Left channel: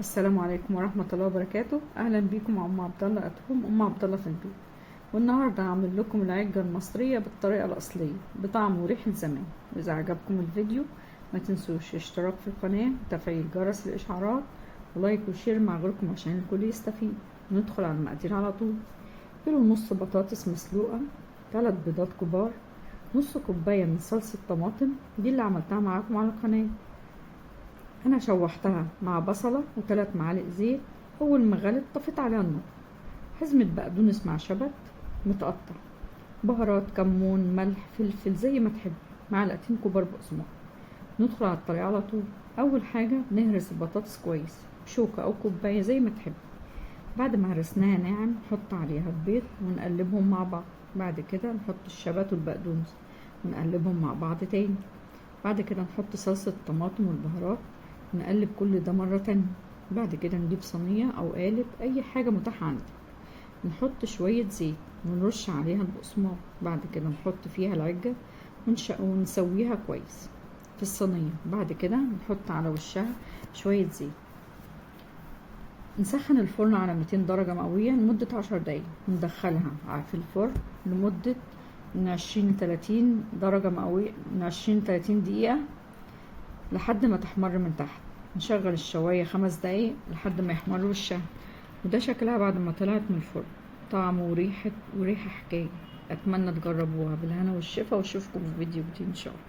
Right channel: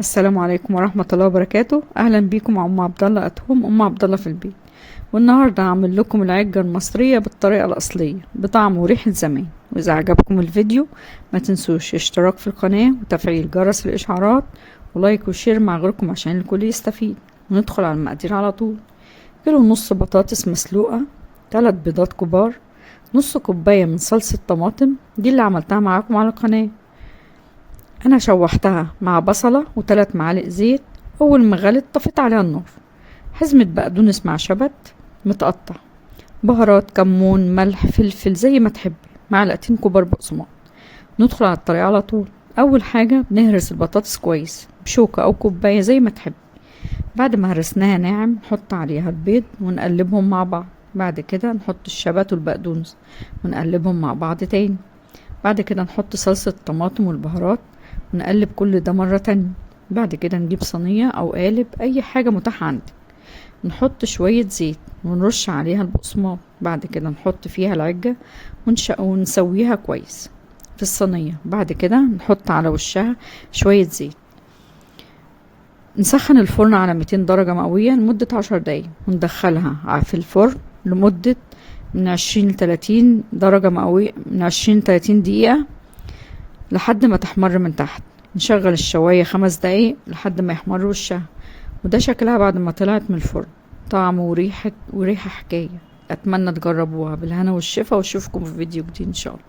السلام عليكم ورحمة الله وبركاته. اهلا بيكم مع ام عبد الله اتهم ام عبد الله في البيت. والنهارده هعمل لكم العجة المصرية بالطريقة الأصلية بطعم وريحة زمان. واذا عجبكم الفيديو ما تنسوش اشتراك في القناة وتفعيل جرس الاشعارات ولايك وشير مع غيركم عشان الكل يستفيد. وندخل على المقادير على طول. كيلو ونص بطاطس مسلوقة، 3 بيضات كبار، نص كوباية من صلصة طماطم دي اللي عملتها معاكم على القناة. انا شوحتها مع بصلة و3 معالق زيت. اول ما غلت طفيت عليها النار. حزمة بقدونس مع شبت متقطع، بهارات كمون ملح فلفل زي ما تحبي، معلقتين كبار بقسماط. ندخل على الطريقة على طول. اول حاجة بنهرس البطاطس كويس بشوكة او كوباية زي ما تحبي. بعد ما هرسناها ناعم نحط عليها البيض ونقلبهم مع بعض. بعد كده نحط الشبت والبقدونس ونقلبهم مع بعض تاني. بعد كده نحط صلصة الطماطم والبهارات ونقلب كل ده مرة تانية. بعد كده نجيب صينية او قالب اي حاجة متاحة عندك، نحط شوية زيت ونرش عليها البقسماط. بعد كده نحط فيها العجة ونسويها كويس في الصينية. بعد كده نحط على وشها شوية زيت. نسخن الفرن على 200 درجة مئوية لمدة 10 دقايق وندخلها في الفرن لمدة من 20 ل 30 درجة مئوية، من 20 ل 30 دقيقة لحد ما تحمر من تحت. نشغل الشواية 5 دقايق لحد ما يحمر وشها. وده شكلها بعد ما طلعت من الفرن. طعم وريحة حكاية. اتمنى تجربوها. بالهنا والشفا واشوفكم في فيديو جديد ان شاء الله.